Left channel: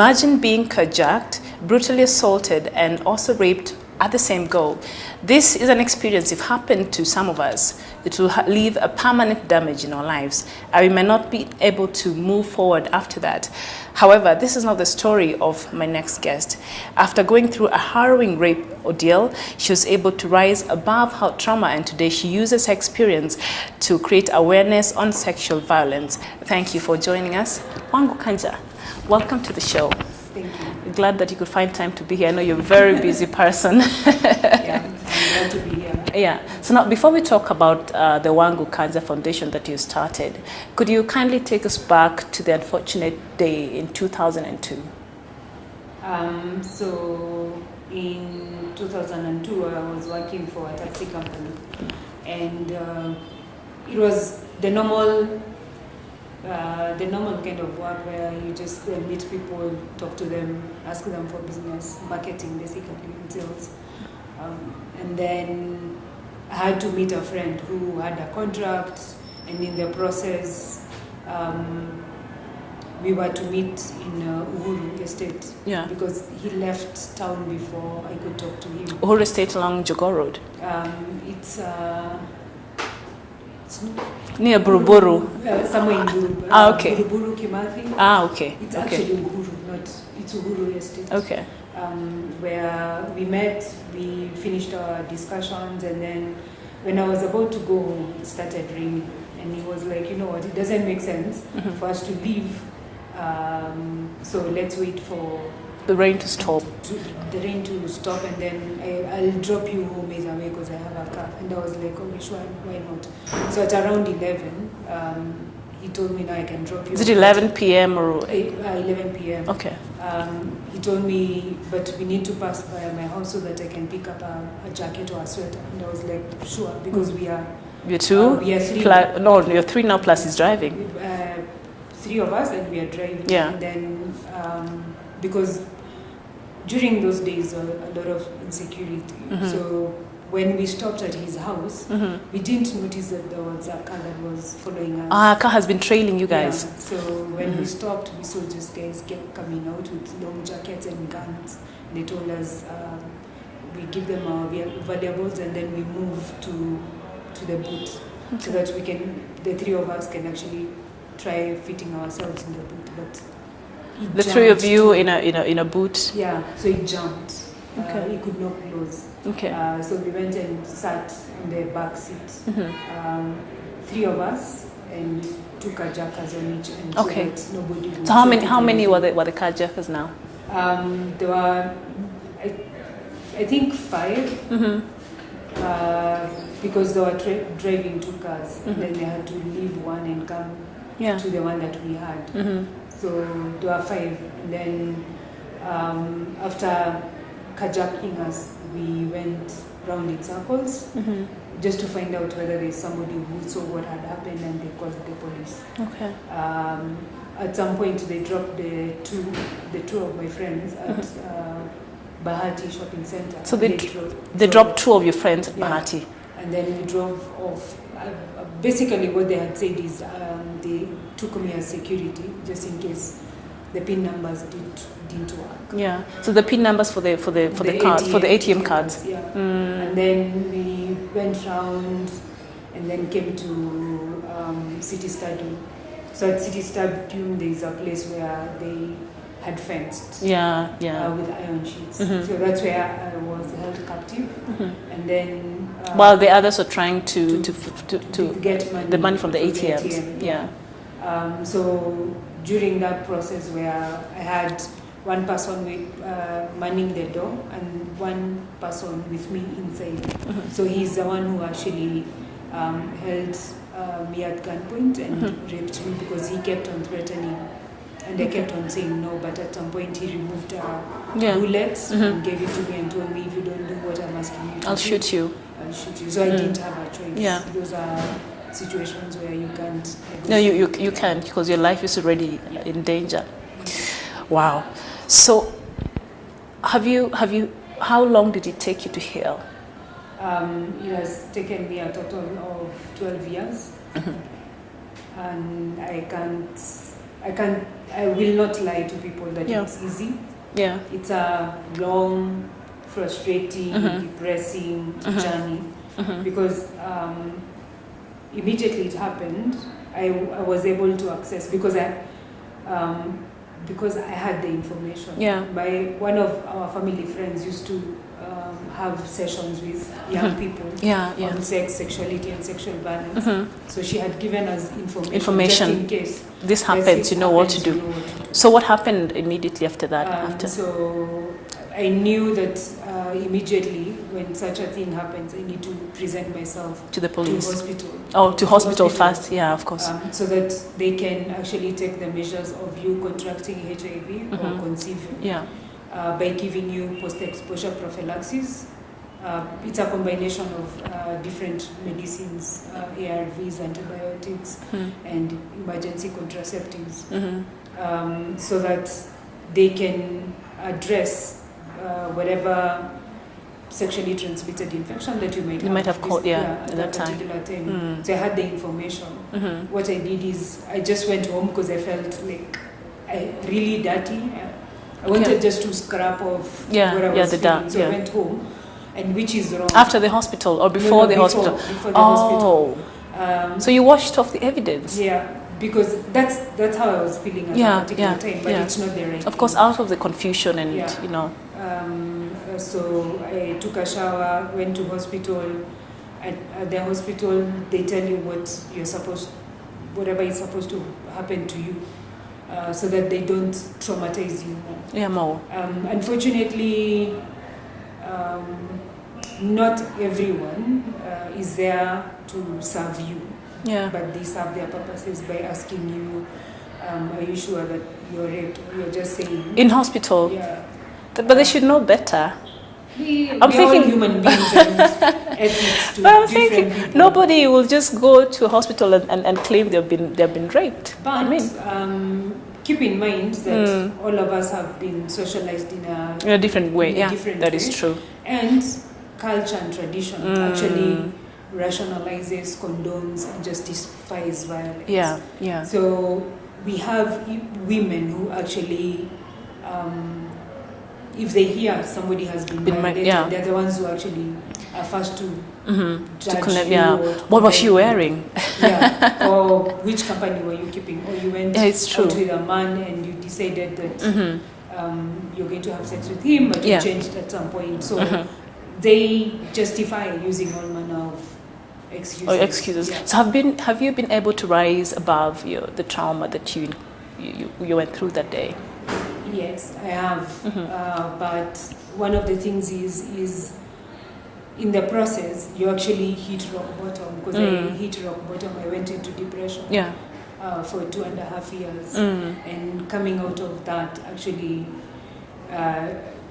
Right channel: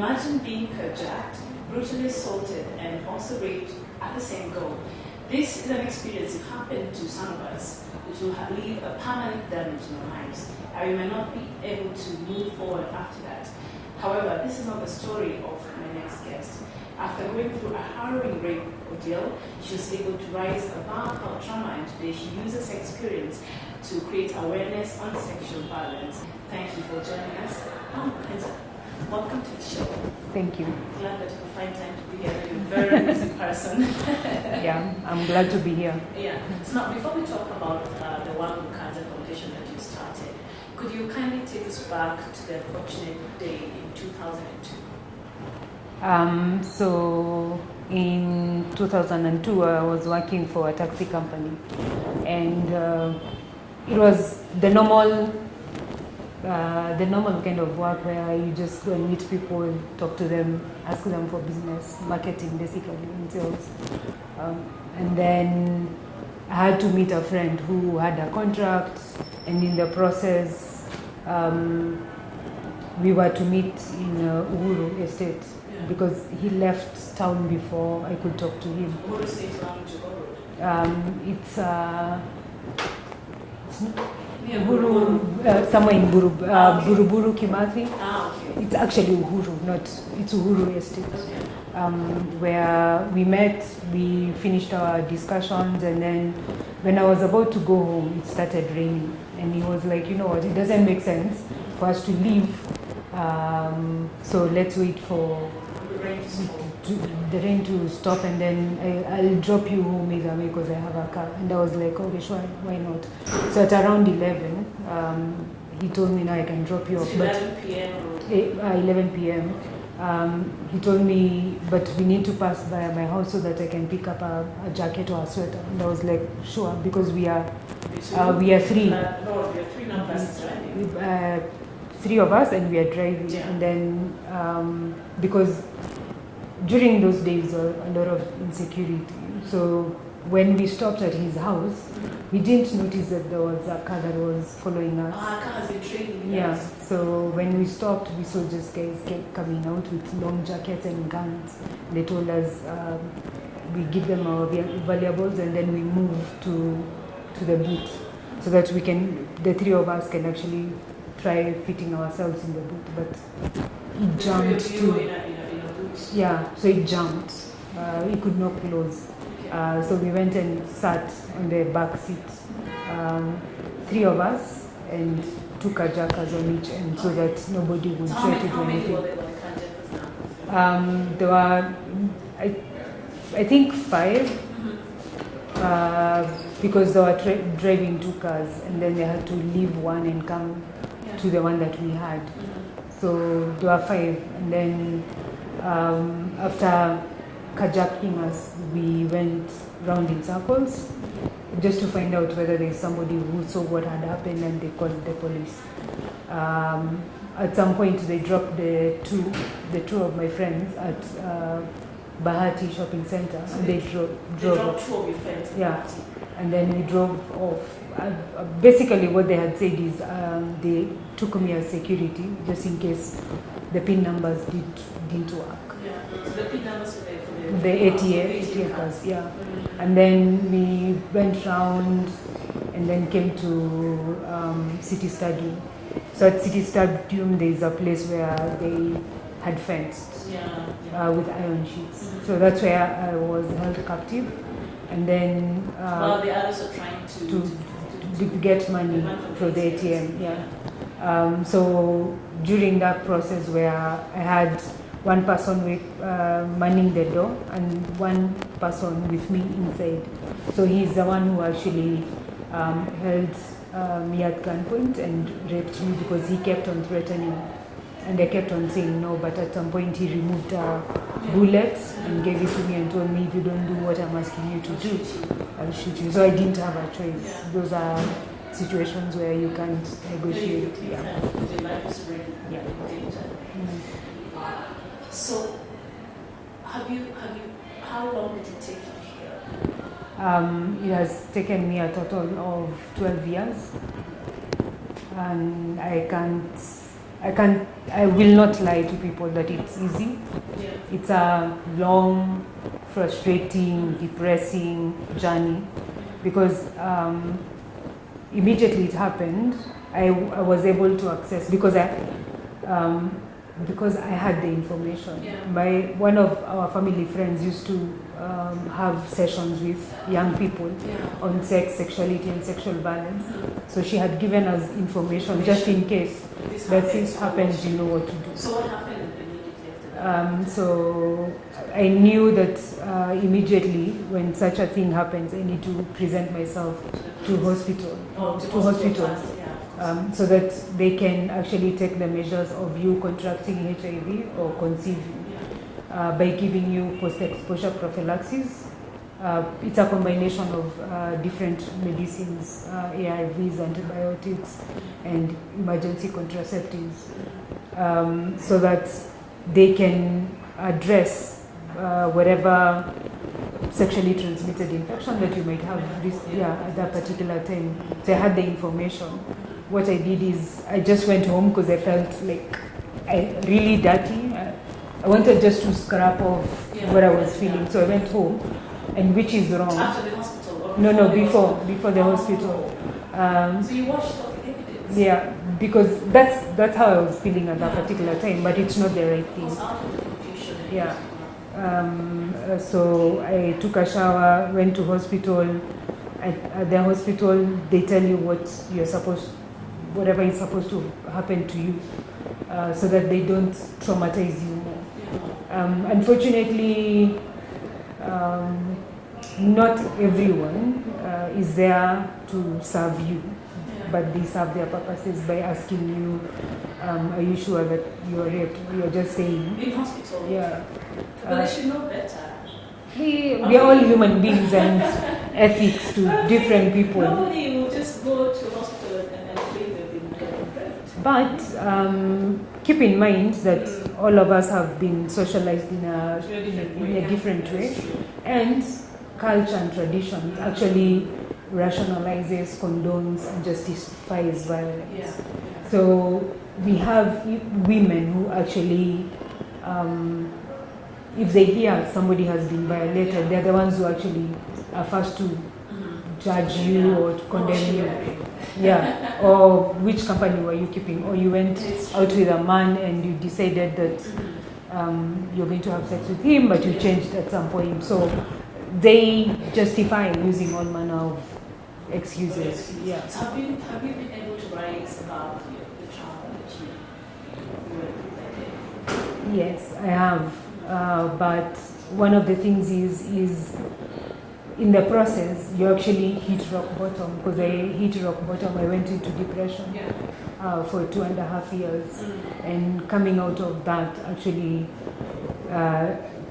Imagine being carjacked, brutally assaulted, and also raped at the same go. This is an experience, if happened to some of us, it will leave a permanent damage in our lives, and we may not be able to move forward after that. However, this is not the story of my next guest. After going through a harrowing rape ordeal, she was able to rise above her trauma, and today she uses her experience to create awareness on sexual violence. Thank you for joining us. Wangu Kanja, welcome to the show. Thank you. Glad that you could find time to be here. I know you're a very busy person. Yeah, I'm glad to be here. Yeah. So now, before we talk about the Wangu Kanja Foundation that you started, could you kindly take us back to the unfortunate day in 2002? So in 2002, I was working for a taxi company, and it was the normal kind of work where you just go and meet people, talk to them, ask them for business, marketing basically, and sales. And then I had to meet a friend who had a contract, and in the process, we were to meet in Uhuru Estate, because he left town before I could talk to him. Uhuru Estate along Jogoo Road? It's near Buruburu. Somewhere in Buruburu. Okay. Buruburu, Kimathi. Okay. It's actually Uhuru, it's Uhuru Estate. Okay. Where we met, we finished our discussions, and then when I was about to go home, it started raining. And he was like, you know what, it doesn't make sense for us to leave. So let's wait for the rain to stop. And then I'll drop you home either way because I have a car. And I was like, okay, sure, why not? So at around 11, he told me now I can drop you. Is it 11 p.m. or? 11 p.m. Okay. He told me, but we need to pass by my house so that I can pick up a jacket or a sweater. And I was like, sure, because we are... You're two? We are three. No, you're three now plus he's driving. Three of us, and we are driving. Yeah. And then, because during those days, a lot of insecurity. So when we stopped at his house, we didn't notice that there was a car that was following us. A car has been trailing you guys. Yeah. So when we stopped, we saw just guys kept coming out with long jackets and guns. They told us we give them our valuables, and then we move to the boot, so that we can, the three of us can actually try fitting ourselves in the boot. But the three of you in a boot. Yeah. So it jumped. Okay. We could not close. Okay. So we went and sat on the back seat. Three of us, and two carjackers on each end, so that nobody would. So how many were the carjackers now? There were, I think 5. Because they were driving 2 cars, and then they had to leave one and come to the one that we had. So there were 5, and then after carjacking us, we went round in circles just to find out whether there is somebody who saw what had happened, and they called the police. Okay. At some point, they dropped the two of my friends at Bahati Shopping Center. So they dropped 2 of your friends at Bahati. And then we drove off. Basically, what they had said is they took me as security, just in case the PIN numbers didn't work. Yeah. So the PIN numbers for the cards, for the ATM cards. Yeah. And then we went round, and then came to City Stadium. So at City Stadium, there is a place where they had fenced. With iron sheets. So that's where I was held captive. And then while the others were trying to get money, the money from the ATMs. So during that process, where I had one person with manning the door and one person with me inside. So he's the one who actually held me at gunpoint and raped me, because he kept on threatening. And I kept on saying no, but at some point he removed a bullet and gave it to me and told me, if you don't do what I'm asking you to do, I'll shoot you. So I didn't have a choice. Yeah. Those are situations where you can't negotiate. No, you can't, because your life is already in danger. Wow. So how long did it take you to heal? It has taken me a total of 12 years. And I can't I will not lie to people that Yeah. it's easy. Yeah. It's a long, frustrating, depressing journey because immediately it happened, I was able to access because I had the information. Yeah. One of our family friends used to have sessions with young people on sex, sexuality, and sexual violence. So she had given us information just in case this happens. You know what to do. So what happened immediately after that? So I knew that immediately when such a thing happens, I need to present myself to the police, to hospital. Oh, to hospital first. Yeah, of course. So that they can actually take the measures of you contracting HIV or conceiving. Yeah. By giving you post-exposure prophylaxis. It's a combination of different medicines, ARVs, antibiotics, and emergency contraceptives, so that they can address whatever sexually transmitted infection that you might have caught at that particular time. So I had the information. What I did is I just went home because I felt like really dirty. I wanted just to scrap off what I was feeling. So I went home, and which is wrong. After the hospital or before the hospital? Before the hospital. So you washed off the evidence? Yeah, because that's how I was feeling at that particular time, but it's not the right Of course, out of the confusion and, you know. So I took a shower, went to hospital. At the hospital, they tell you whatever is supposed to happen to you, so that they don't traumatize you more. Yeah, more. Unfortunately, not everyone is there to serve you. Yeah. But they serve their purposes by asking you, are you sure that you're raped? You're just saying. In hospital? Yeah. But they should know better. We are all human beings and ethics to different people. Nobody will just go to a hospital and claim they've been raped. But keep in mind that all of us have been socialized in a different way. That is true. And culture and tradition actually rationalizes, condones, and justifies violence. Yeah. So we have women who actually, if they hear somebody has been violated, they're the ones who actually are first to judge you. What was she wearing? Or which company were you keeping? Or you went out with a man and you decided that you're going to have sex with him, but you changed at some point. So they justify using all manner of excuses. Yeah. So have you been able to rise above the trauma that you went through that day? Yes, I have. But one of the things is in the process, you actually hit rock bottom. Because I hit rock bottom, I went into depression for 2.5 years. And coming out of that actually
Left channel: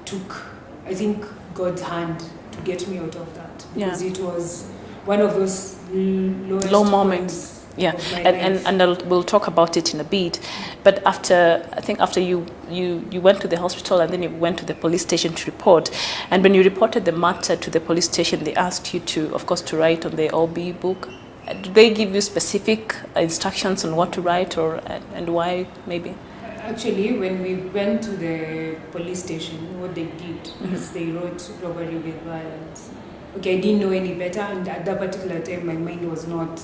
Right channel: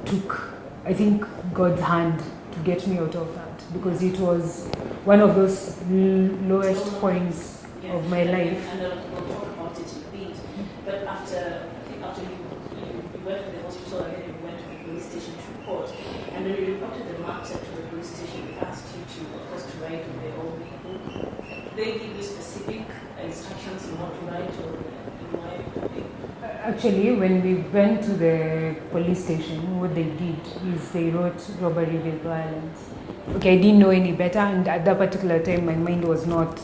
took, I think, God's hand to get me out of that. Because it was one of those low moments. Of my life. And we'll talk about it in a bit. But after you went to the hospital and then you went to the police station to report. And when you reported the matter to the police station, they asked you to, of course, to write on the OB book. Did they give you specific instructions on what to write and why, maybe? Actually, when we went to the police station, what they did is they wrote robbery with violence. Okay, I didn't know any better, and at that particular time, my mind was not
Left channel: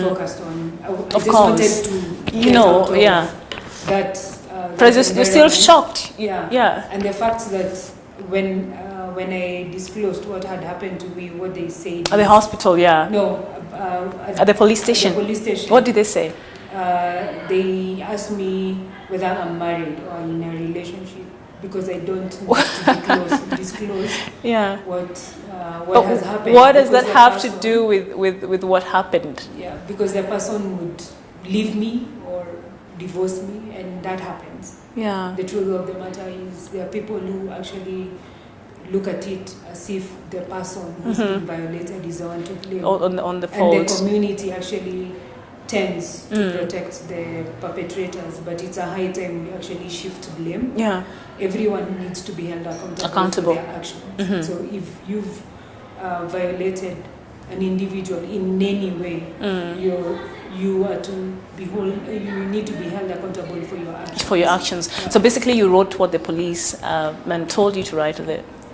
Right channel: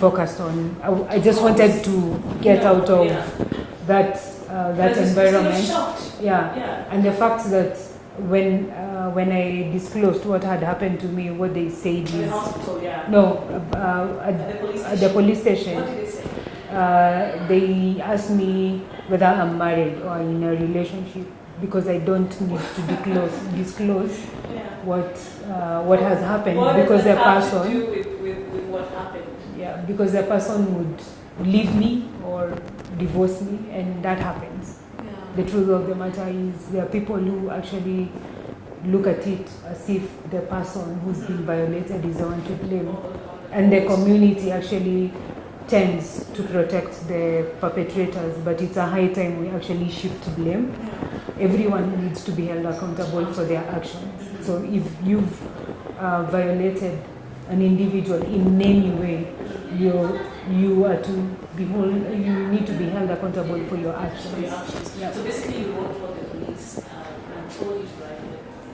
focused on. I just wanted to get out of that. You're still shocked. Yeah. And the fact that when I disclosed what had happened to me, what they said at the hospital, no, at the police station. At the police station. What did they say? They asked me whether I'm married or in a relationship, because I don't need to disclose what has happened. What does that have to do with what happened? Yeah, because the person would leave me or divorce me, and that happens. Yeah. The truth of the matter is there are people who actually look at it as if the person who's been violated is the one to blame. On the fault. And the community actually tends to protect the perpetrators, but it's a high time we actually shift blame. Yeah. Everyone needs to be held accountable. For their actions. So if you've violated an individual in any way, you are to you need to be held accountable for your actions. For your actions. Yeah. So basically, you wrote what the police man told you to write.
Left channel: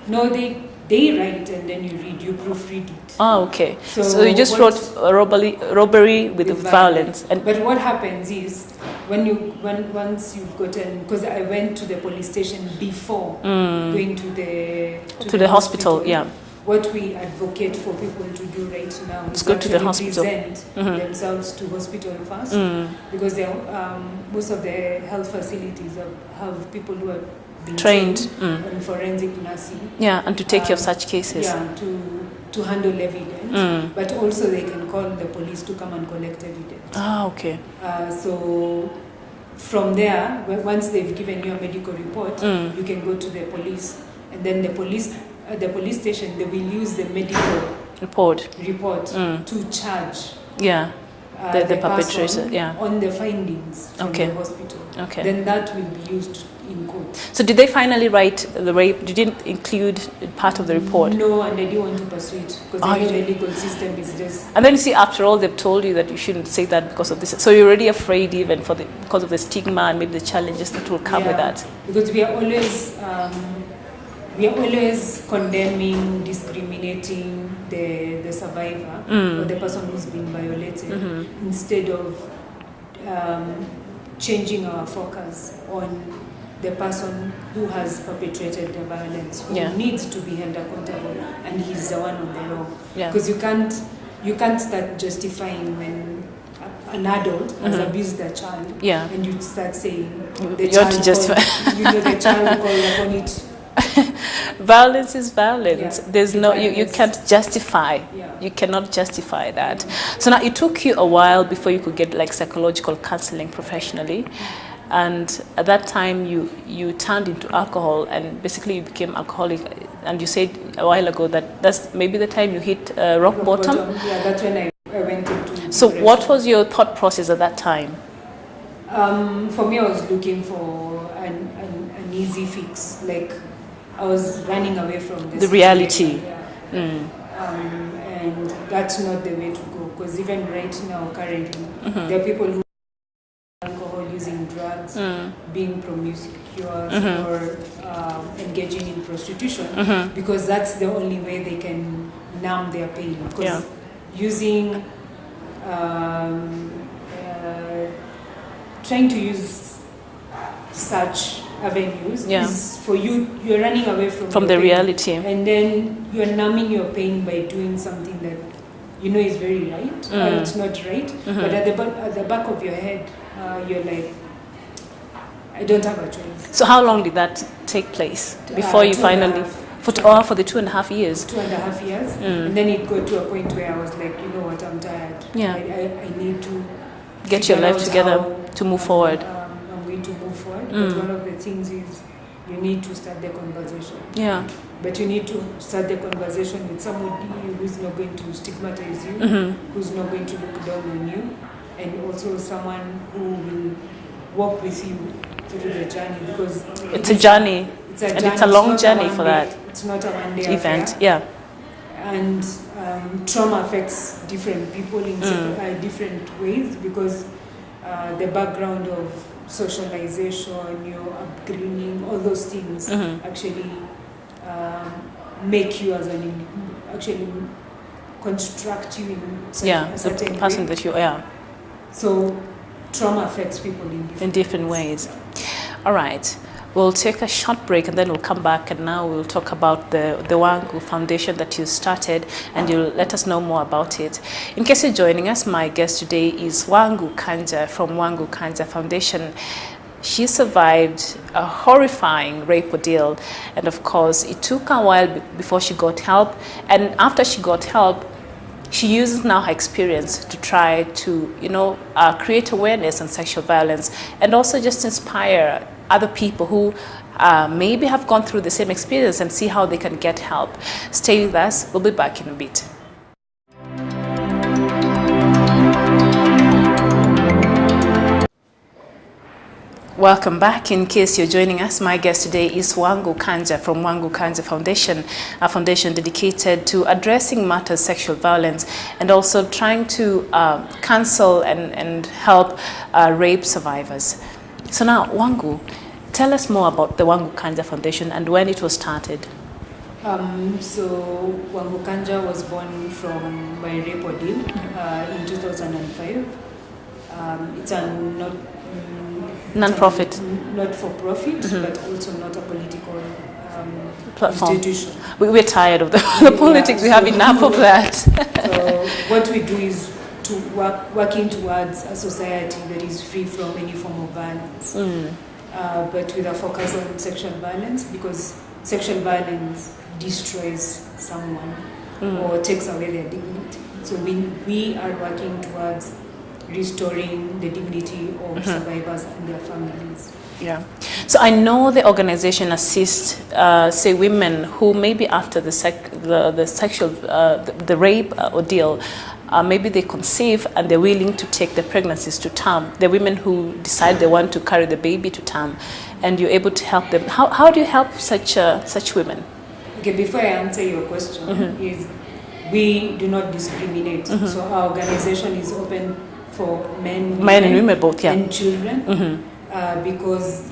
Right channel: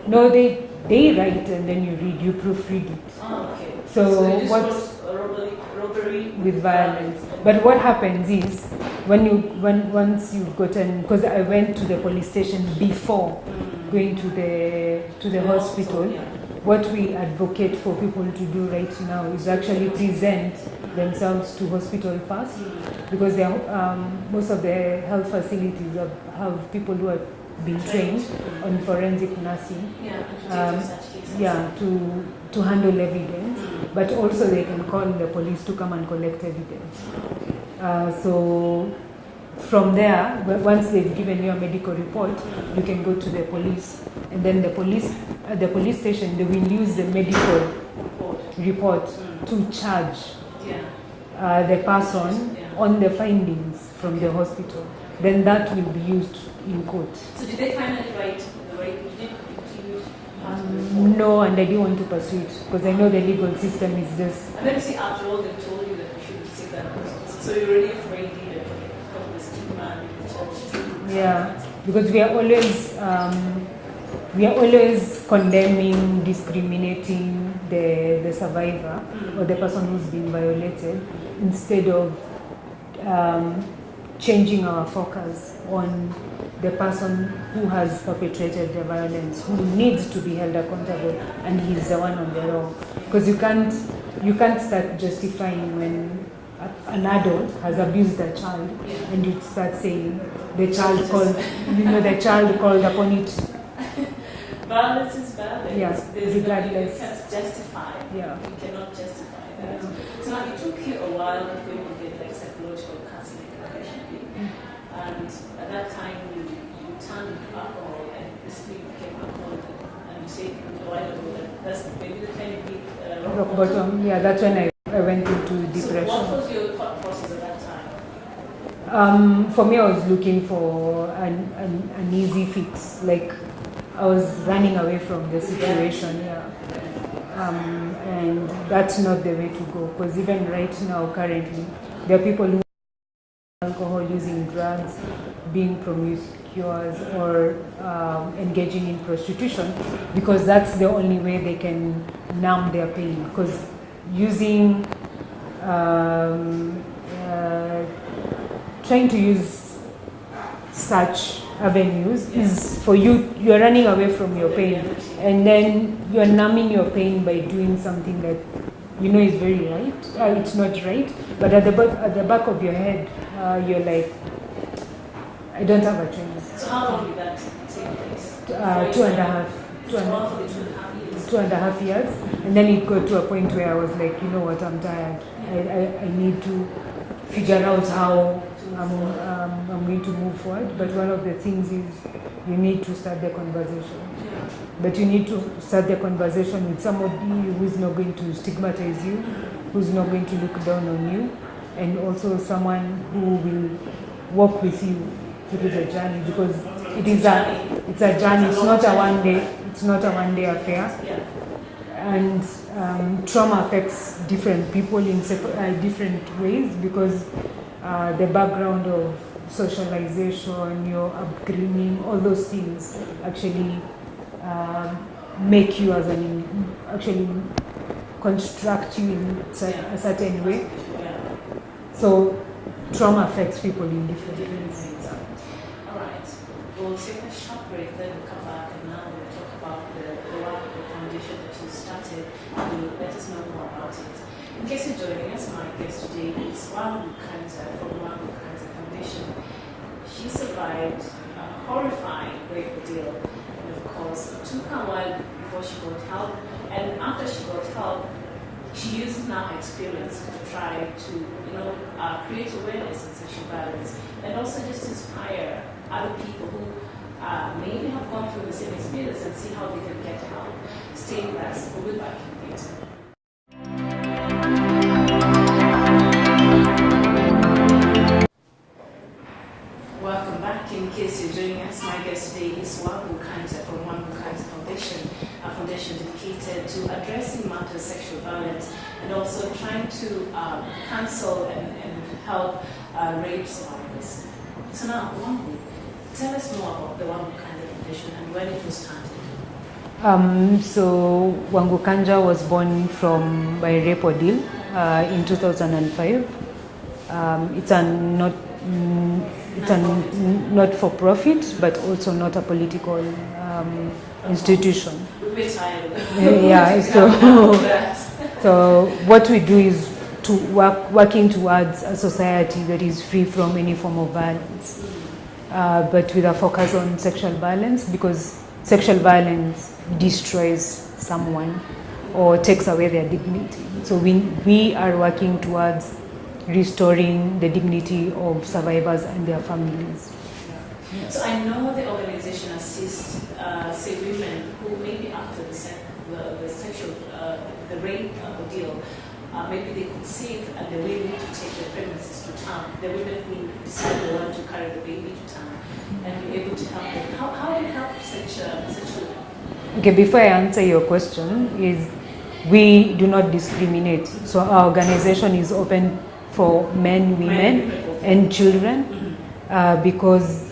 No, they write and then you read, you proofread it. Oh, okay. So you just wrote robbery with violence. But what happens is once you've gotten, because I went to the police station before going to the hospital. Yeah. What we advocate for people to do right now is actually present themselves to hospital first, because most of the health facilities have people who are being trained on forensic nursing. Yeah, and to take care of such cases. Yeah, to handle evidence, but also they can call the police to come and collect evidence. Ah, okay. So from there, once they've given you a medical report, you can go to the police, and then the police at the police station, they will use the medical report to charge the person on the findings from the hospital. Okay. Then that will be used in court. So did they finally write the rape? You didn't include part of the report? No, and I didn't want to pursue it because I know the legal system is just... And then you see, after all, they've told you that you shouldn't say that because of this. So you're already afraid even because of the stigma and maybe the challenges that will come with that. Because we are always condemning, discriminating the survivor or the person who's been violated instead of changing our focus on the person who has perpetrated the violence, who needs to be held accountable, and he's the one on the wrong. Because you can't start justifying when an adult has abused a child, and you start saying the child called upon it. Violence is violence. There's you can't justify. You cannot justify that. So now it took you a while before you could get like psychological counseling professionally, and at that time you turned into alcohol and basically you became alcoholic. And you said a while ago that that's maybe the time you hit rock bottom. Yeah, that's when I went into depression. So what was your thought process at that time? For me, I was looking for an easy fix, like I was running away from the reality. And that's not the way to go, because even right now, currently, there are people who are alcohol, using drugs, being promiscuous, or engaging in prostitution, because that's the only way they can numb their pain. Because using, trying to use such avenues is for you are running away from the reality, and then you are numbing your pain by doing something that you know is very right, it's not right, but at the back of your head you're like, I don't have a choice. So how long did that take place before you finally for the 2.5 years? 2.5 years, and then it got to a point where I was like, you know what, I'm tired. I need to get your life together to move forward. I'm going to move forward, but one of the things is you need to start the conversation. But you need to start the conversation with somebody who's not going to stigmatize you, who's not going to look down on you, and also someone who will walk with you through the journey, because it's a journey. It's a journey. It's a long journey for that. It's not a one-day event. Affair. And trauma affects different people in different ways, because the background of socialization, your upbringing, all those things actually make you actually construct you in a certain person way. That you are. So trauma affects people in different ways. All right. We'll take a short break and then we'll come back, and now we'll talk about the Wangu Foundation that you started, and you'll let us know more about it. In case you're joining us, my guest today is Wangu Kanja from Wangu Kanja Foundation. She survived a horrifying rape ordeal, and of course it took a while before she got help, and after she got help, she uses now her experience to try to create awareness on sexual violence, and also just inspire other people who maybe have gone through the same experience and see how they can get help. Stay with us. We'll be back in a bit. Welcome back. In case you're joining us, my guest today is Wangu Kanja from Wangu Kanja Foundation, a foundation dedicated to addressing matters sexual violence and also trying to counsel and help rape survivors. So now, Wangu, tell us more about the Wangu Kanja Foundation and when it was started. So Wangu Kanja was born by rape ordeal in 2005. It's a non-profit, not for profit, but also not a political institution. We're tired of the politics. We have enough of that. So what we do is to working towards a society that is free from any form of violence, but with a focus on sexual violence, because sexual violence destroys someone or takes away their dignity. So we are working towards restoring the dignity of survivors and their families. Yeah. So I know the organization assists, say, women who maybe after the sexual, the rape ordeal, maybe they conceive and they're willing to take the pregnancies to term. The women who decide they want to carry the baby to term, and you're able to help them. How do you help such women? Okay, before I answer your question, is we do not discriminate. So our organization is open for men and women both, and children, because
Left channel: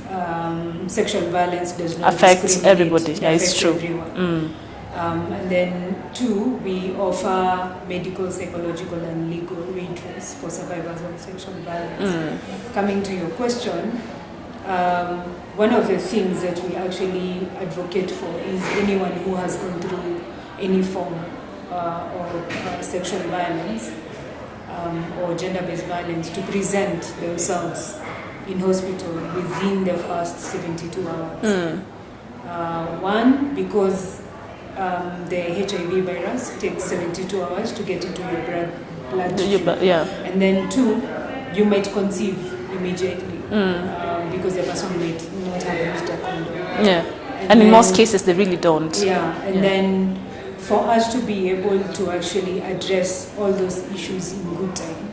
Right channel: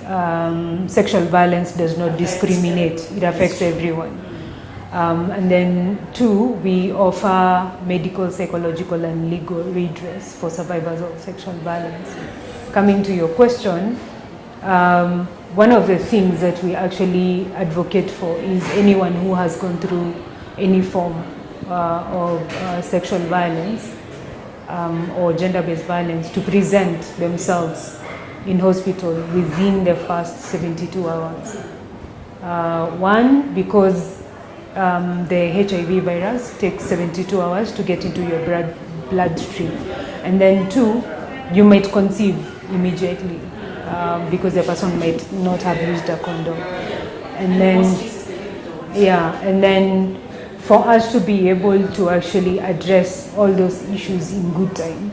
sexual violence does not discriminate. Everybody. It affects everyone. And then 2, we offer medical, psychological and legal redress for survivors of sexual violence. Coming to your question, one of the things that we actually advocate for is anyone who has gone through any form of sexual violence or gender-based violence to present themselves in hospital within the first 72 hours. One, because the HIV virus takes 72 hours to get into your bloodstream. And then 2, you might conceive immediately because the person might not have used a condom. And then, in most cases, they really don't. And then for us to be able to actually address all those issues in good time,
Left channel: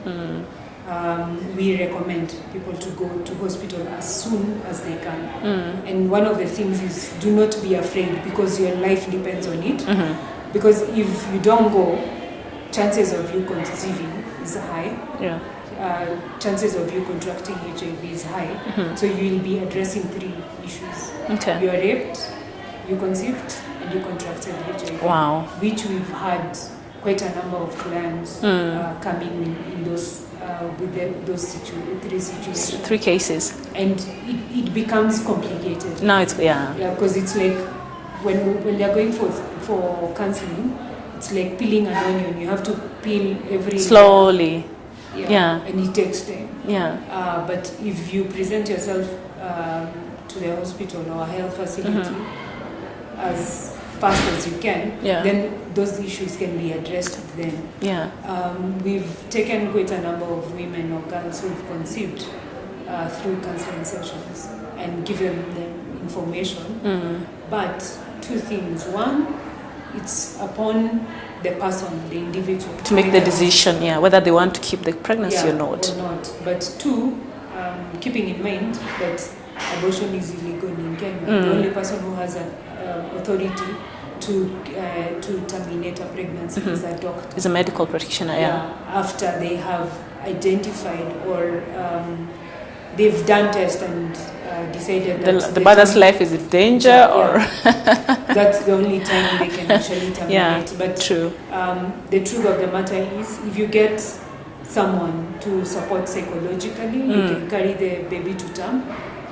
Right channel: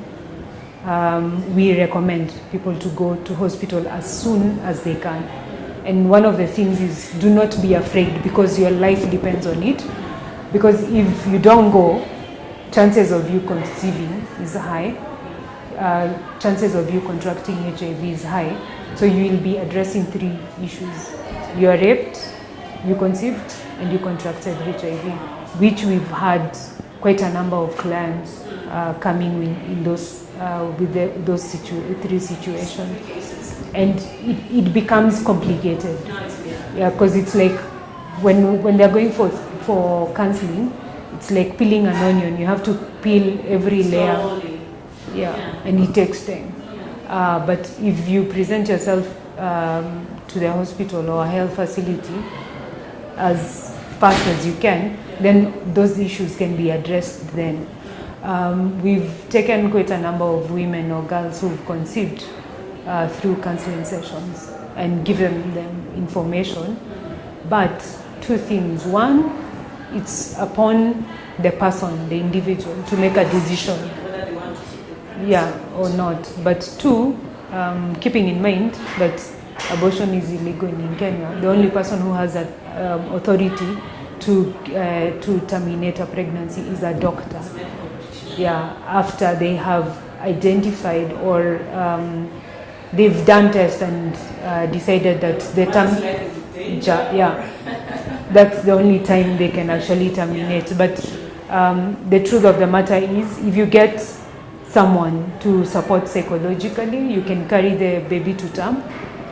we recommend people to go to hospital as soon as they can. And one of the things is, do not be afraid, because your life depends on it. Because if you don't go, chances of you conceiving is high. Chances of you contracting HIV is high. So you will be addressing 3 issues. You are raped, you conceived, and you contracted HIV. Wow. Which we've had quite a number of clients coming in those with those 3 situations. 3 cases. And it becomes complicated. Now it's because it's like when they're going for counseling, it's like peeling an onion. You have to peel every slowly. And it takes time. But if you present yourself to the hospital or a health facility as fast as you can, then those issues can be addressed then. We've taken quite a number of women or girls who've conceived through counseling sessions and given them information. But 2 things. One, it's upon the person, the individual, to make the decision, whether they want to keep the pregnancy or not. But 2, keeping in mind that abortion is illegal in Kenya. The only person who has authority to terminate a pregnancy is a doctor. Is a medical practitioner. After they have identified or they've done tests and decided that the mother's life is in danger. That's the only time they can actually terminate. But true. The truth of the matter is, if you get someone to support psychologically, you can carry the baby to term,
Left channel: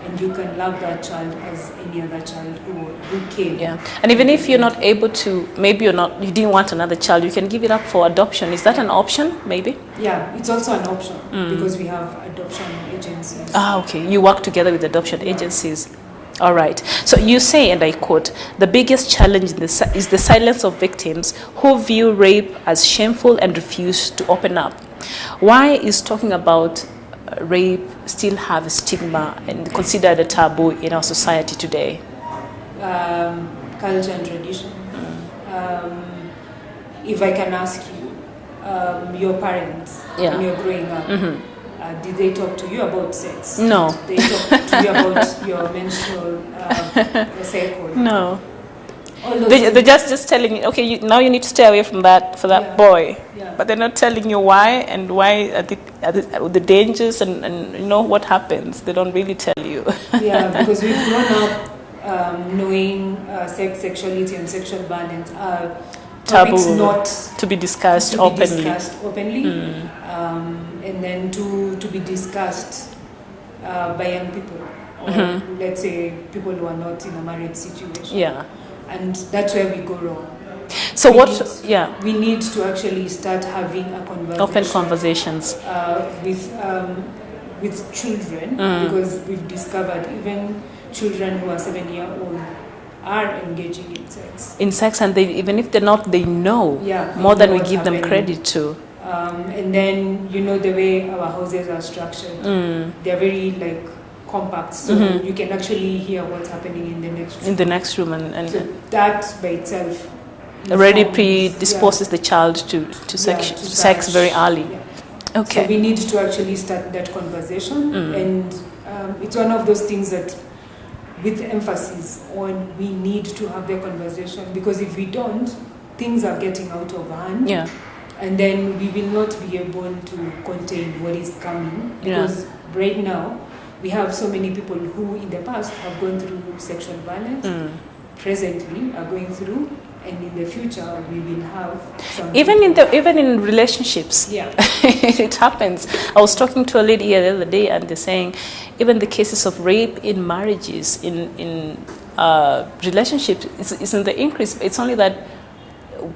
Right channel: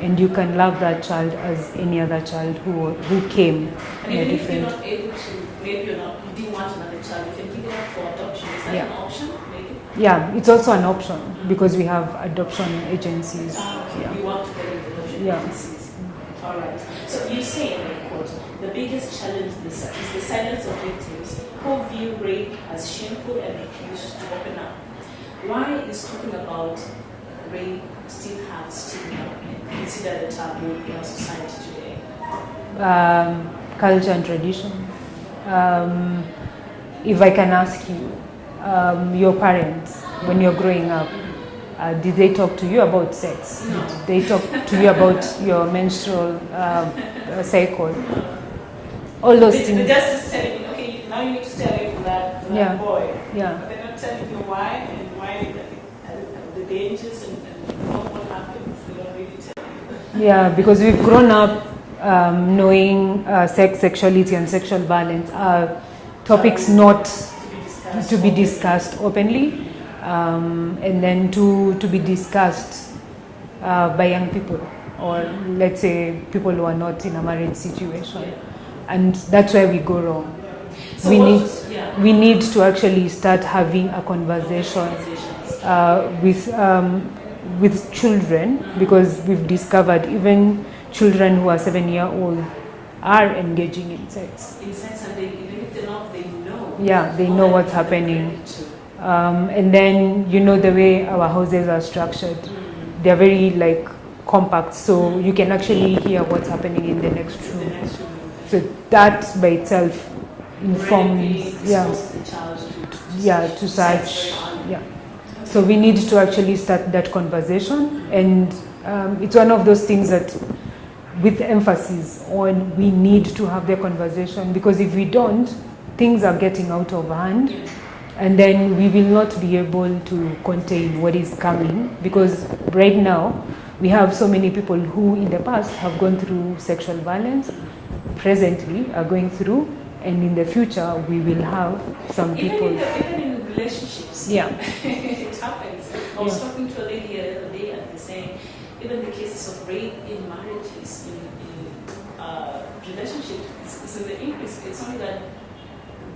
and you can love that child as any other child who came. And even if you're not able to, maybe you didn't want another child, you can give it up for adoption. Is that an option, maybe? It's also an option because we have adoption agencies. Okay. You work together with adoption agencies. All right. So you say, and I quote, the biggest challenge is the silence of victims who view rape as shameful and refuse to open up. Why is talking about rape still have a stigma and considered a taboo in our society today? Culture and tradition. If I can ask you, your parents, when you're growing up, Did they talk to you about sex? No. Did they talk to you about your menstrual cycle? No. All those They're just telling you, okay, now you need to stay away from that boy. Yeah. But they're not telling you why and why the dangers and you know what happens. They don't really tell you. Yeah, because we've grown up knowing sex, sexuality, and sexual violence are topics Taboo, not to be discussed openly. And then to be discussed by young people, or let's say people who are not in a marriage situation. Yeah. And that's where we go wrong. So we need to actually start having a conversation, open conversations with children, because we've discovered even children who are 7-year-old are engaging in sex. And even if they're not, they know they more than know we what's give happening. them credit to. And then the way our houses are structured, they're very like compact, so you can actually hear what's happening in the next room. And so that by itself already predisposes the child to sex very early. Yeah. Okay. So we need to actually start that conversation, and it's one of those things that, with emphasis on, we need to have the conversation, because if we don't, things are getting out of hand. Yeah. And then we will not be able to contain what is coming, because right now we have so many people who in the past have gone through sexual violence, presently are going through, and in the future we will have some even in relationships. Yeah. It happens. I was talking to a lady here the other day, and they're saying even the cases of rape in marriages, in relationships, is in the increase. It's only that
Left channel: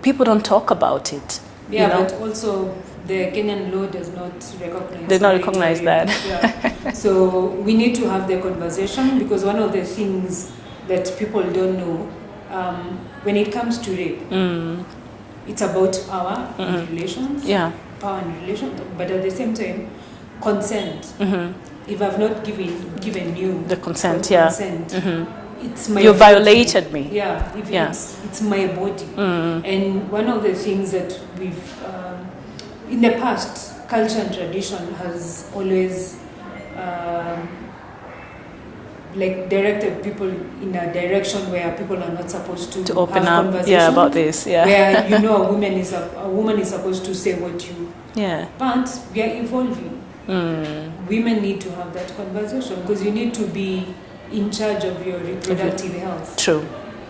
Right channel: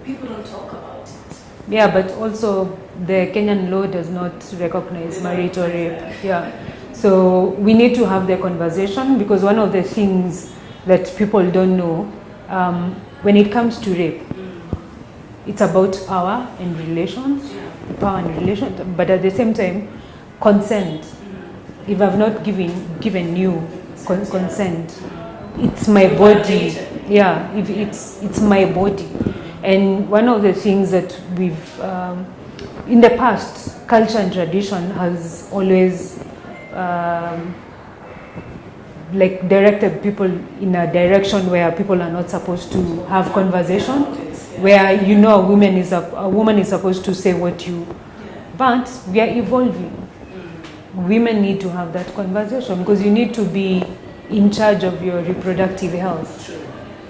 people don't talk about it. Yeah, but also the Kenyan law does not recognize. Does not recognize that. Yeah. So we need to have the conversation, because one of the things that people don't know, when it comes to rape, it's about power in relations. Yeah. Power in relations, but at the same time, consent. If I've not given you the consent, it's my you body. Violated me. Yeah, it's my body. And one of the things that we've, in the past, culture and tradition has always directed people in a direction where people are not supposed to have conversation about this. Yeah. Where a woman is supposed to say what you. Yeah. But we are evolving. Women need to have that conversation, because you need to be in charge of your reproductive health. True.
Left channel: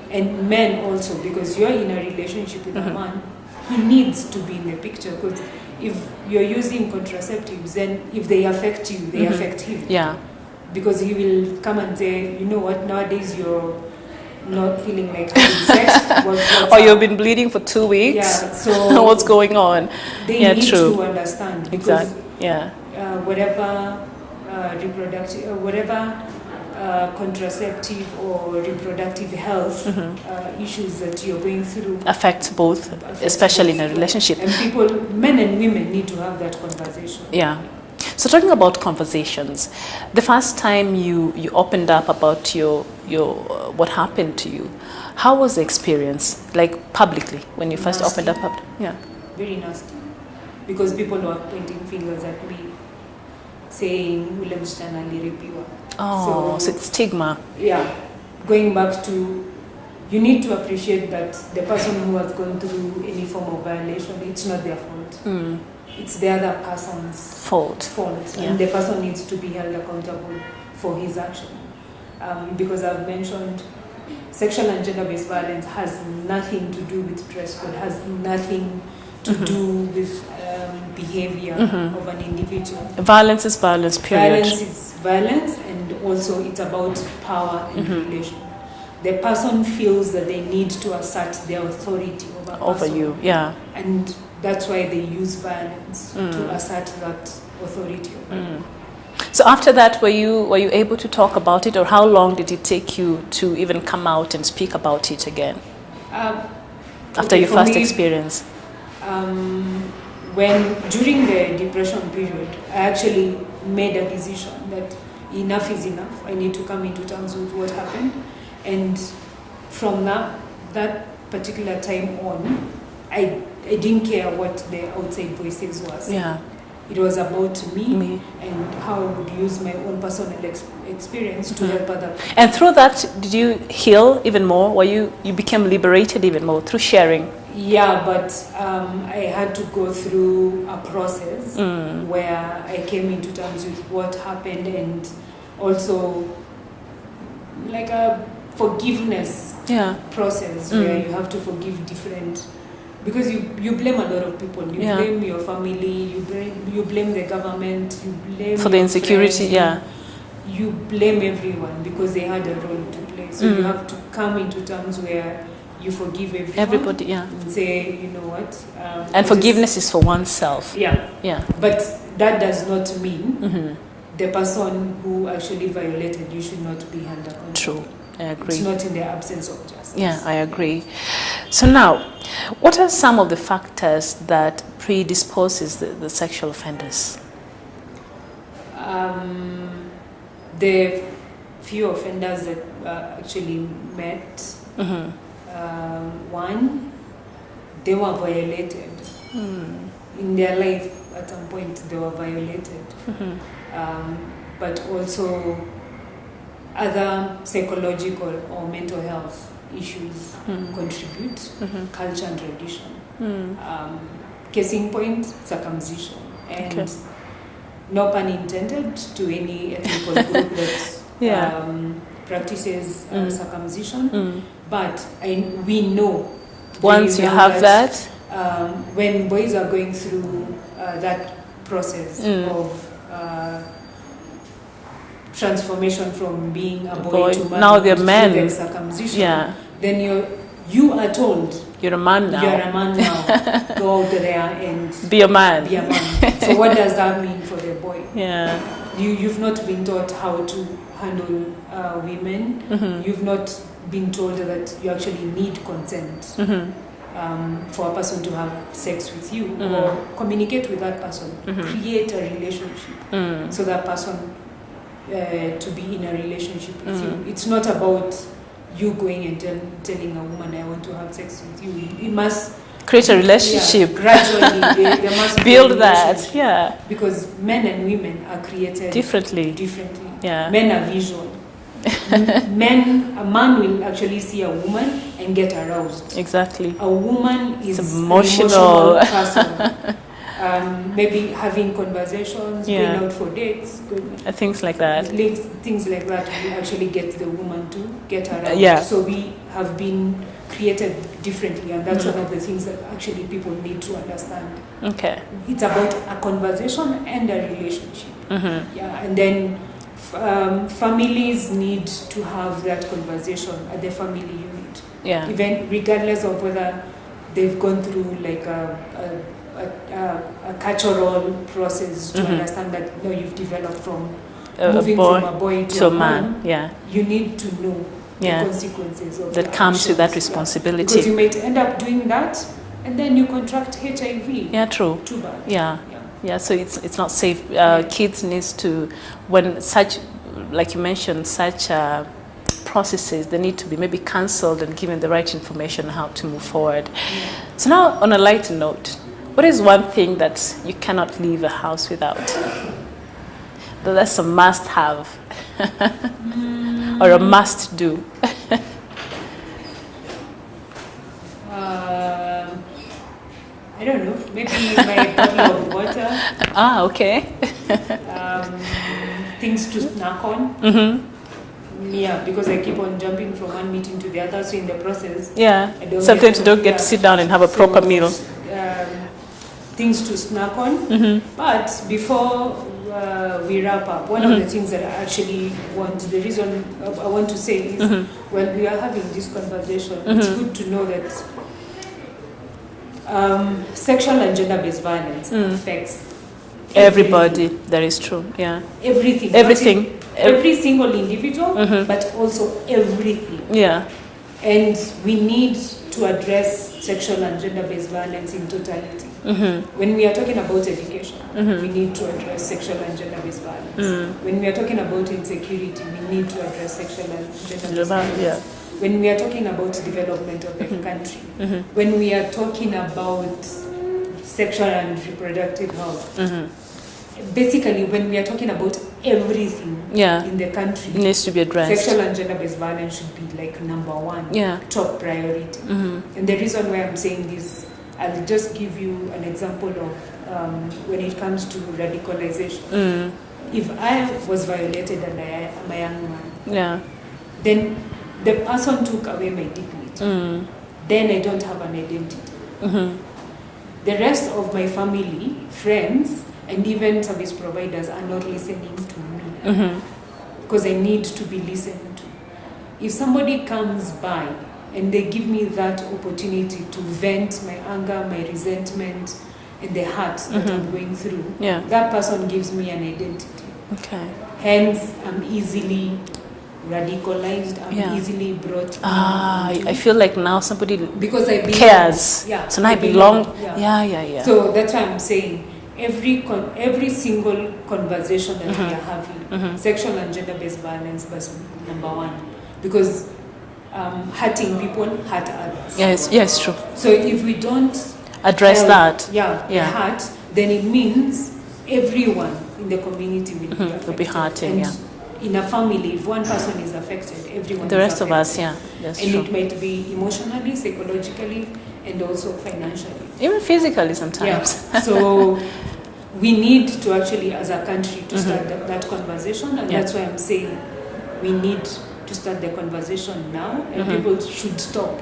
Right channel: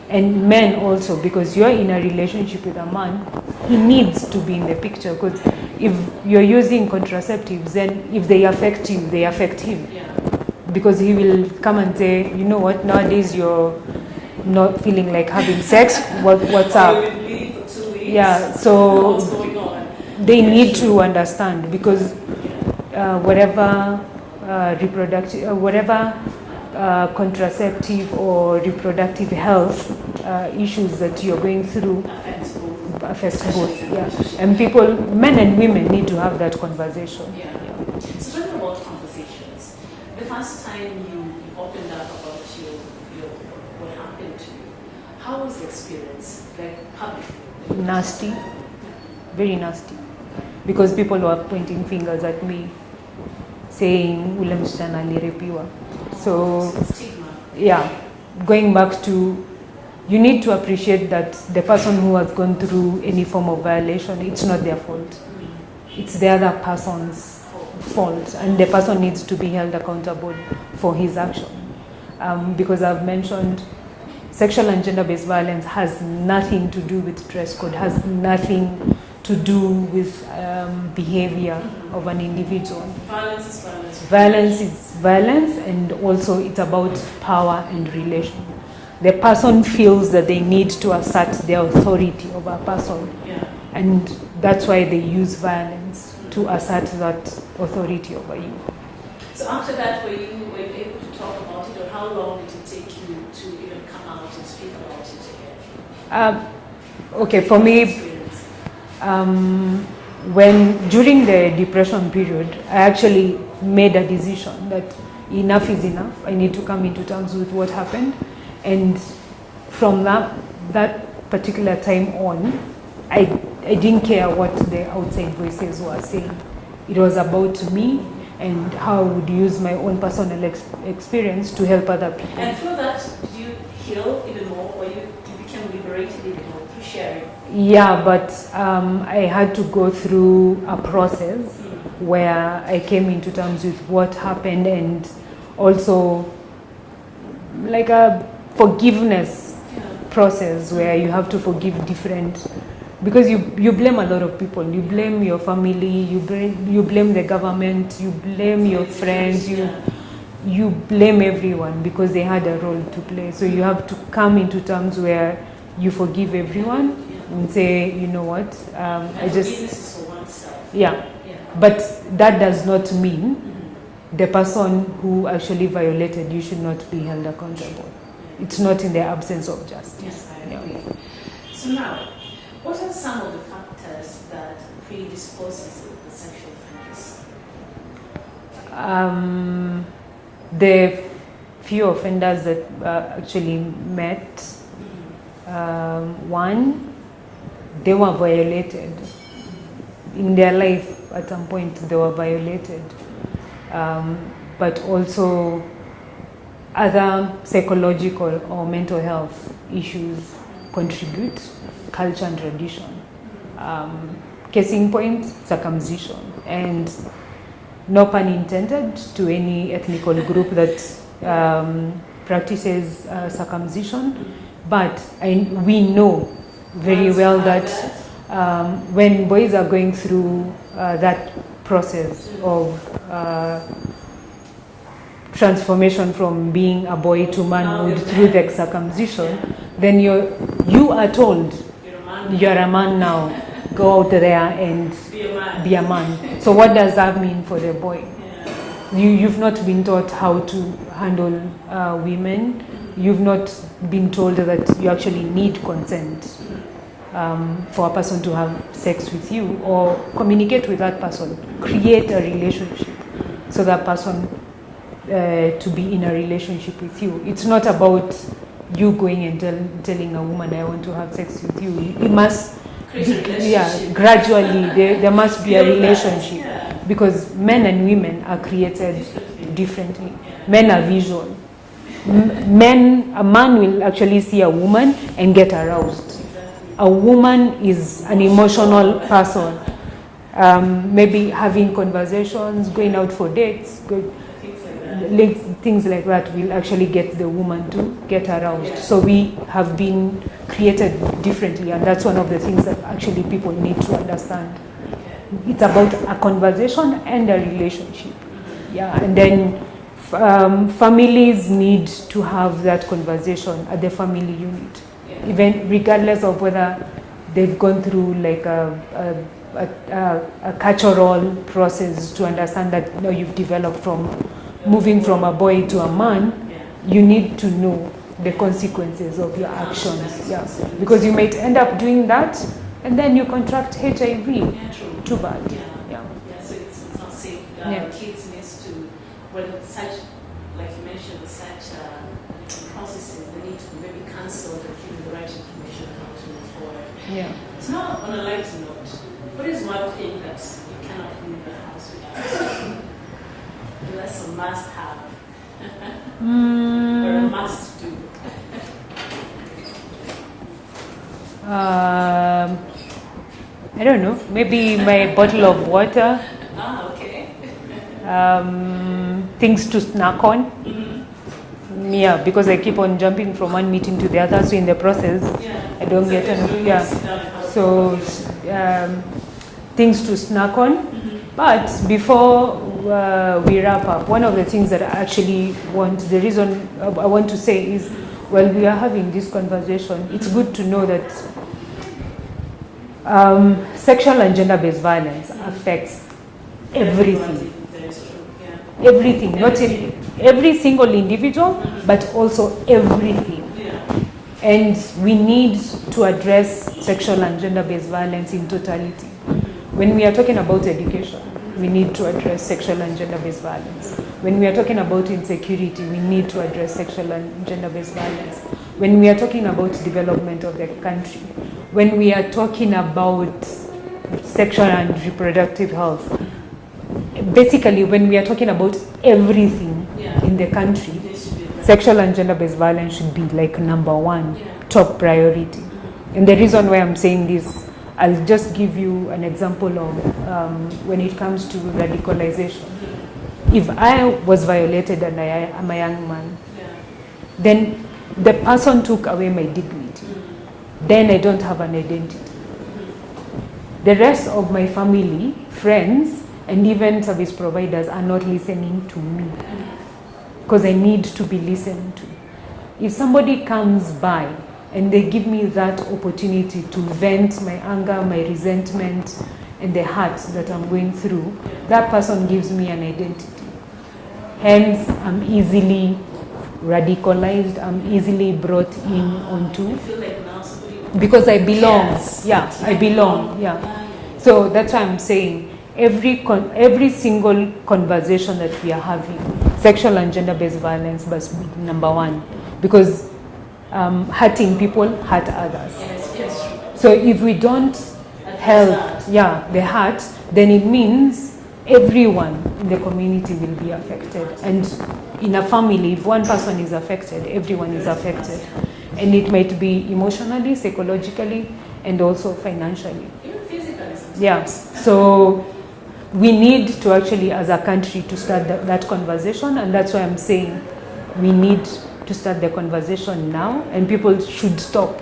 And men also, because you're in a relationship with a man, he needs to be in the picture, because if you're using contraceptives, then if they affect you, they affect him. Yeah. Because he will come and say, you know what, nowadays you're not feeling like having sex. What's you've been bleeding for 2 weeks. Yeah, so what's going on? They need to understand, because whatever contraceptive or reproductive health issues that you're going through affects both, especially in a relationship. And men and women, need to have that conversation. Yeah. So talking about conversations, the first time you opened up about your what happened to you, how was the experience, like publicly, when you first opened up? Yeah. Very nasty, because people were pointing fingers at me, saying ule msichana aliripiwa. So it's stigma. Yeah, going back to, you need to appreciate that the person who has gone through any form of violation, it's not their fault. It's the other person's fault. And the person needs to be held accountable for his action. Because I've mentioned, sexual and gender-based violence has nothing to do with dress code, has nothing to do with behavior of an individual. Violence is violence, period. Violence is violence, and also it's about power and relation. The person feels that they need to assert their authority over you. Yeah. And that's why they use violence to assert that authority over you. So after that, were you able to talk about it, or how long did it take you to even come out and speak about it again? After your first experience? During the depression period, I actually made a decision that enough is enough. I need to come into terms with what happened. And from that particular time on, I didn't care what the outside voices were saying. Yeah. It was about me and how I would use my own personal experience to help other people. And through that, did you heal even more? Or you became liberated even more through sharing? Yeah, but I had to go through a process where I came into terms with what happened, and also like a forgiveness process where you have to forgive different, because you blame a lot of people. You blame your family, you blame the government, you blame for the insecurity, friends, you blame everyone because they had a role to play. So you have to come into terms where you forgive everybody, and say, you know what? And forgiveness is for oneself. Yeah. But that does not mean the person who actually violated you should not be held accountable. True. I agree. It's not in the absence of justice. Yeah, I agree. So now, what are some of the factors that predisposes the sexual offenders? The few offenders that actually met, one, they were violated. In their life, at some point, they were violated. But also other psychological or mental health issues contribute, culture and tradition. Case in point, circumcision. And no pun intended to any ethnical group that practices circumcision. But we know very Once well you have that when boys are going through that process of transformation from being a boy to manhood through the circumcision, then you are told you're a man now. You're a man now. Go out there and be a man. Be a man. So what does that mean for the boy? Yeah. You've not been taught how to handle women. You've not been told that you actually need consent for a person to have sex with you or communicate with that person, create a relationship so that person to be in a relationship with you. It's not about you going and telling a woman, I want to have sex with you. It must create a relationship. Gradually, there must be a relationship. That. Because men and women are created differently. Yeah. Men are visual. A man will actually see a woman and get aroused. Exactly. A woman is an emotional person. Maybe having conversations, going out for dates, things like that. Things like that will actually get the woman to get aroused. Yeah. So we have been created differently, and that's one of the things that actually people need to understand. Okay. It's about a conversation and a relationship. Yeah, and then families need to have that conversation at the family unit. Yeah. Even regardless of whether they've gone through like a cultural process to understand that you've developed from moving from a boy to a man. You need to know the consequences of that comes with that responsibility. Because you might end up doing that and then you contract HIV. Yeah, true. Too bad. Yeah, so it's not safe. Kids needs to, when such, like you mentioned, such processes, they need to be maybe cancelled and given the right information on how to move forward. So now, on a lighter note, what is one thing that you cannot leave a house without? That's a must-have or a must-do. I don't know. Maybe my bottle of water. Okay. Things to snack on. Yeah, because I keep on jumping from one meeting to the other, so in the process, I don't sometimes you don't get to sit down and have a proper meal. Things to snack on. But before we wrap up, one of the things that I actually the reason I want to say is, while we are having this conversation, it's good to know that sexual and gender-based violence affects everybody. That is true. Yeah. Everything. Every single individual, but also everything. Yeah. And we need to address sexual and gender-based violence in totality. When we are talking about education, we need to address sexual and gender-based violence. When we are talking about insecurity, we need to address sexual and gender-based violence. When we are talking about development of the country, when we are talking about sexual and reproductive health, basically, when we are talking about everything in the country, it needs to be addressed. Sexual and gender-based violence should be like number one, top priority. And the reason why I'm saying this, I'll just give you an example of when it comes to radicalization. If I was violated and I am a young man, then the person took away my dignity. Then I don't have an identity. The rest of my family, friends, and even service providers are not listening to me because I need to be listened to. If somebody comes by and they give me that opportunity to vent my anger, my resentment, and the hurt that I'm going through, that person gives me an identity. Hence, I'm easily radicalized, I'm easily brought in. I feel like now somebody because I belong. Cares. Yeah, so now I belong. So that's why I'm saying every single conversation that we are having, sexual and gender-based violence must be number one, because hurting people hurt others. Yes, true. So if we don't address that, the hurt, then it means everyone in the community will be affected. Will be hurting, and in a family, if one person is affected, everyone the is rest affected. of us, and true. It might be emotionally, psychologically, and also financially. Even physically sometimes. So we need to actually, as a country, to start that conversation, and that's why I'm saying we need to start the conversation now, and people should stop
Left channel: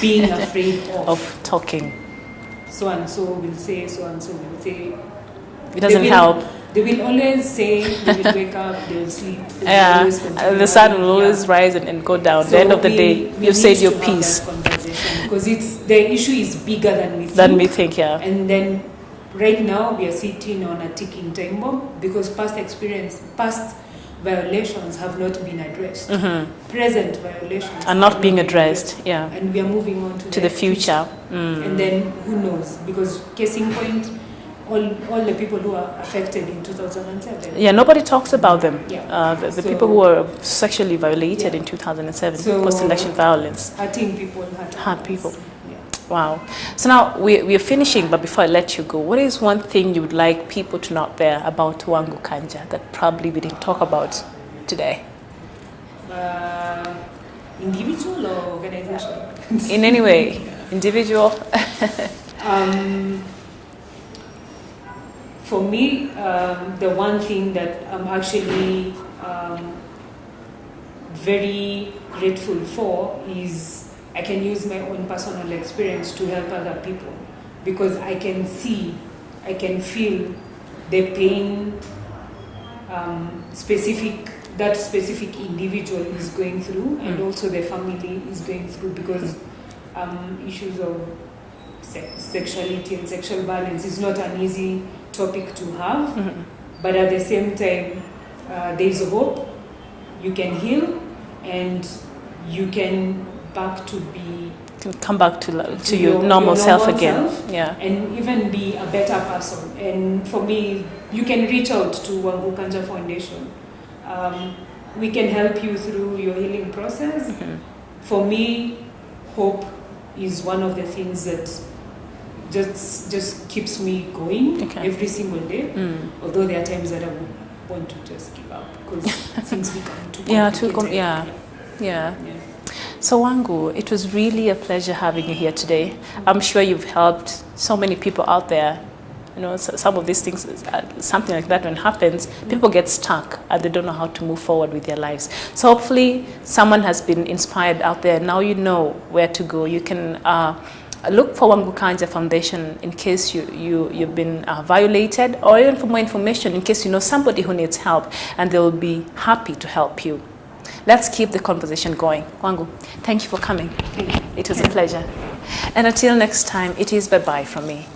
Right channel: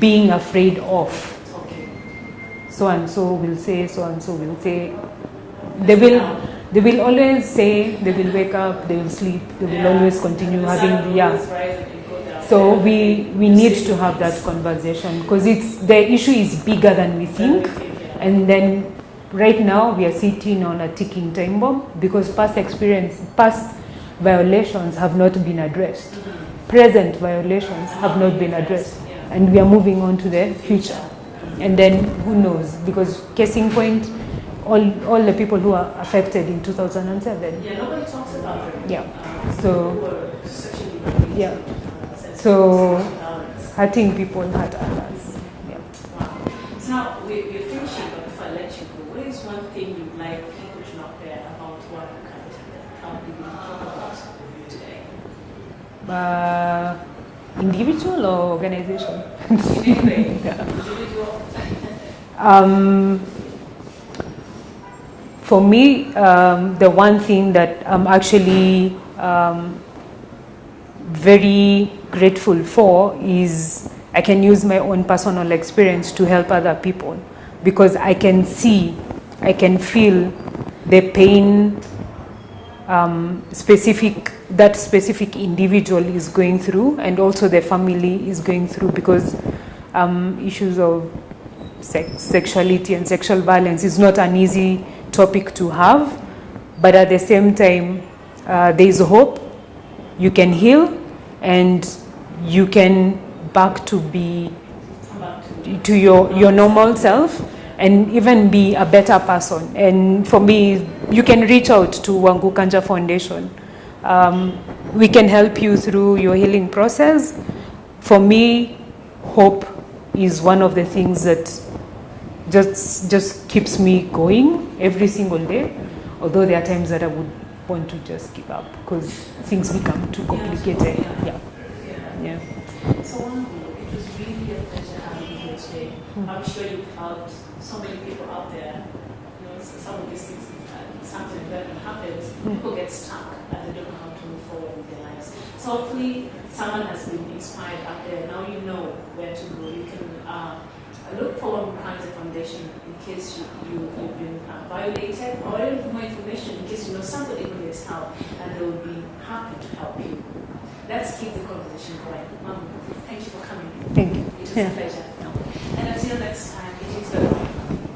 being afraid of talking. So and so will say, so and so will say. It doesn't help. They will always say, they will wake up, they will sleep, they will always continue. The sun will always rise and go down. At So the end of the day, you said your piece. Have that conversation, because the issue is bigger than we think. And then right now we are sitting on a ticking time bomb because past violations have not been addressed. Present violations are not being addressed. And we are moving on to the future. And then who knows? Because case in point, all the people who are affected in 2007. Nobody talks about them. The people who were sexually violated in 2007, post-election violence. Hurting people hurt people. Wow. So now we're finishing, but before I let you go, what is one thing you would like people to know out there about Wangu Kanja that probably we didn't talk about today? Individual or organization? In any way. Individual? For me, the one thing that I'm actually very grateful for is I can use my own personal experience to help other people, because I can see, I can feel the pain that specific individual is going through, and also the family is going through, because issues of sexuality and sexual violence is not an easy topic to have, but at the same time, there is hope. You can heal, and you can come back to your normal self and even be a better person. And for me, you can reach out to Wangu Kanja Foundation. We can help you through your healing process. For me, hope is one of the things that just keeps me going every single day. Although there are times that I would want to just give up because things become too complicated. So Wangu, it was really a pleasure having you here today. I'm sure you've helped so many people out there. You know, some of these things, something like that when it happens, people get stuck and they don't know how to move forward with their lives. So hopefully someone has been inspired out there. Now you know where to go. You can look for Wangu Kanja Foundation in case you've been violated, or even for more information in case you know somebody who needs help, and they will be happy to help you. Let's keep the conversation going. Wangu, thank you for coming. Thank you. It was a pleasure. And until next time, it is bye-bye from me.